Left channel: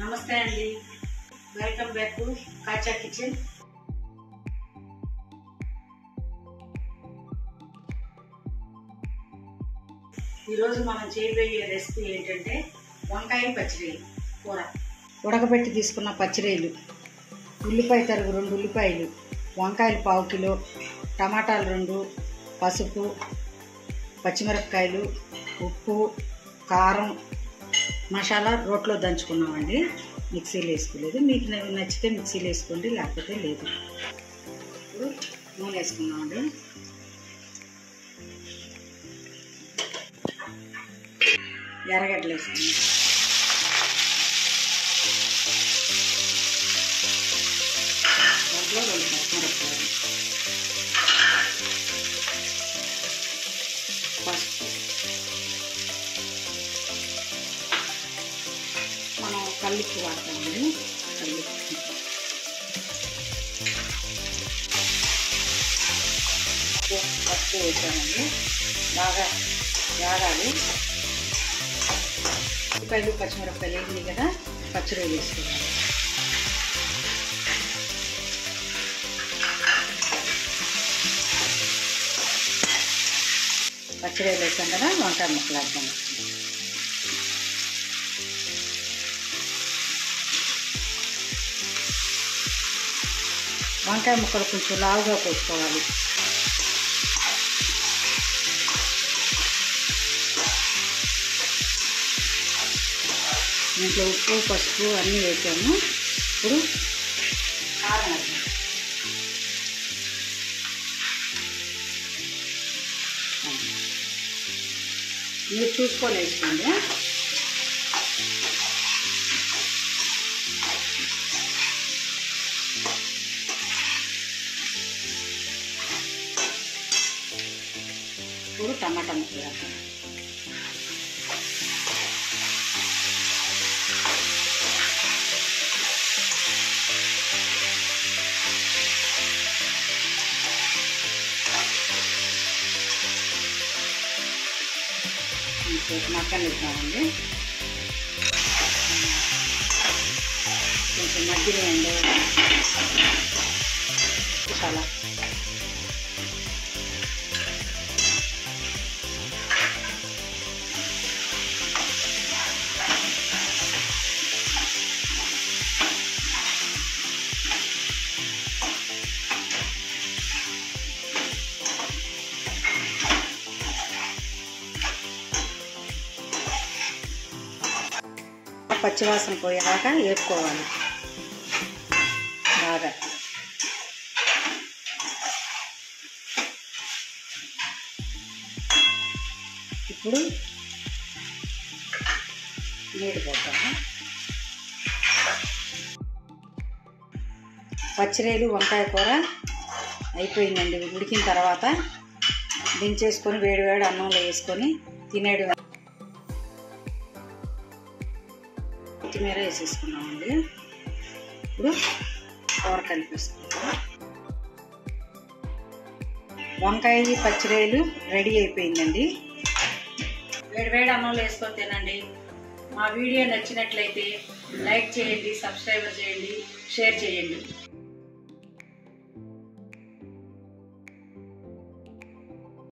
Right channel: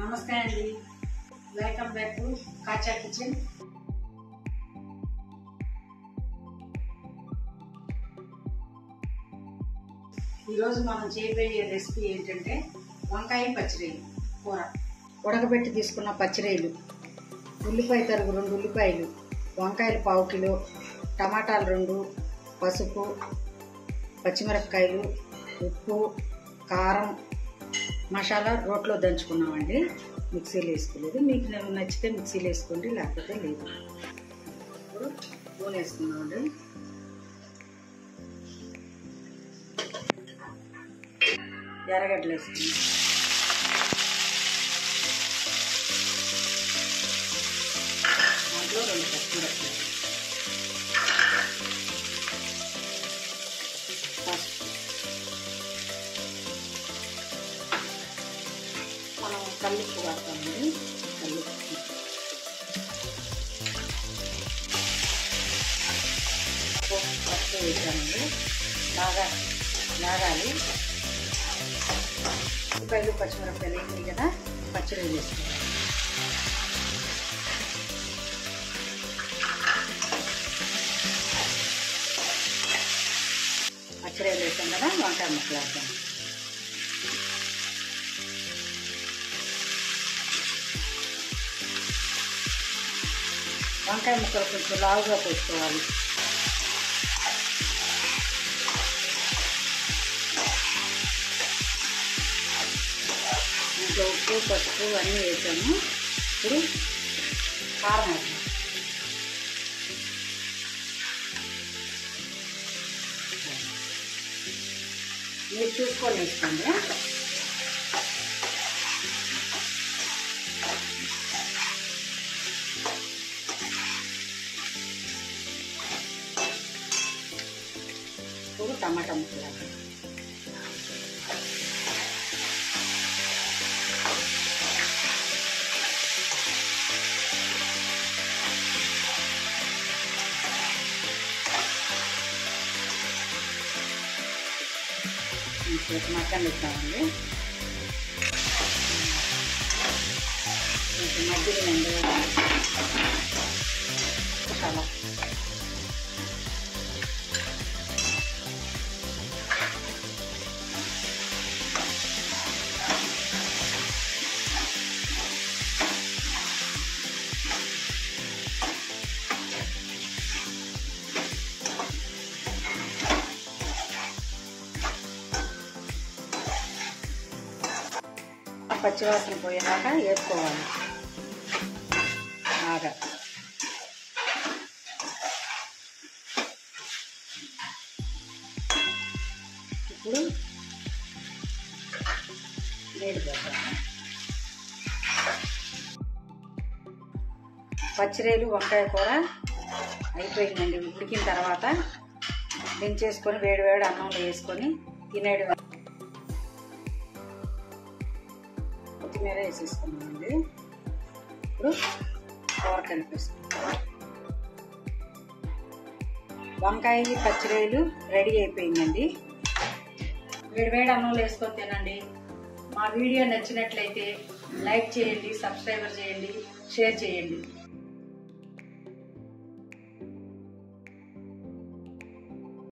నమస్తే అండి, welcome back to కాచా kitchen. ఈరోజు మనం చేయబోయే రెసిపీ ఏంటంటే వంకాయ పచ్చిరొయ్యలు కూర. ఉడకబెట్టి తీసుకున్న పచ్చిరొయ్యలు, ఉల్లిపాయ తరుగు 2 ఉల్లిపాయలు, వంకాయలు 1/2 కిలో, టమాటాలు 2, పసుపు, పచ్చిమిరపకాయలు, ఉప్పు, కారం, మసాలా రోట్లో దంచుకున్నామండి. మిక్సీలో వేసుకోలేదు. మీకు నచ్చితే మిక్సీలో వేసుకోండి, లేకపోతే లేదు. ఇప్పుడు నూనె వేసుకున్నామండి. ఎర్రగడ్డలు వేసుకున్నాం. దాంట్లో 2 పచ్చిమిరపకాయలు, పసుపు, మనం కల్లుప్పు వాడతామండి. కల్లుప్పు పసుపు వేసామండి. బాగా వేగాలి. ఉల్లిపాయలు పచ్చిమిరపకాయలు వేగినాయి కదా, పచ్చిరొయ్యలు వేసుకోవాలి. పచ్చిరొయ్యలు వేసాం కదా, వంకాయ ముక్కలు వేద్దాం. వంకాయ ముక్కలు కొంచెం లావుగా కోసుకోవాలి. ఇంట్లో ఉప్పు, పసుపు అన్నీ వేసాము. ఇప్పుడు కారం వేద్దాం. మీరు చూసుకొని వేసుకోండి. ఇప్పుడు టమాటా ముక్కలు వేద్దాం. మక్కలు ఇస్తామండి. కొంచెం మధ్యలో చాలా పచ్చివాసన పోయేలాగా వేపుకోవాలి బాగా. ఇప్పుడు నీరు పోతాము. పచ్చిరొయ్యలు వంకాయ కూర అయిపోయిందండి. ఉడికిన తర్వాత దించేసుకొని వేడివేడి అన్నంలో వేసుకొని తినేడు. కొత్తిమీర వేసేసుకున్నామండి. ఇప్పుడు కూర కలిపేసుకుంటాం. వంకాయ పచ్చిరొయ్యలు రెడీ అయిపోయిందండి. వేడివేడి అన్నంలో వేసుకొని తినండి. మా వీడియో నచ్చినట్లయితే లైక్ చేయండి, సబ్స్క్రైబ్ చేయండి, షేర్ చేయండి.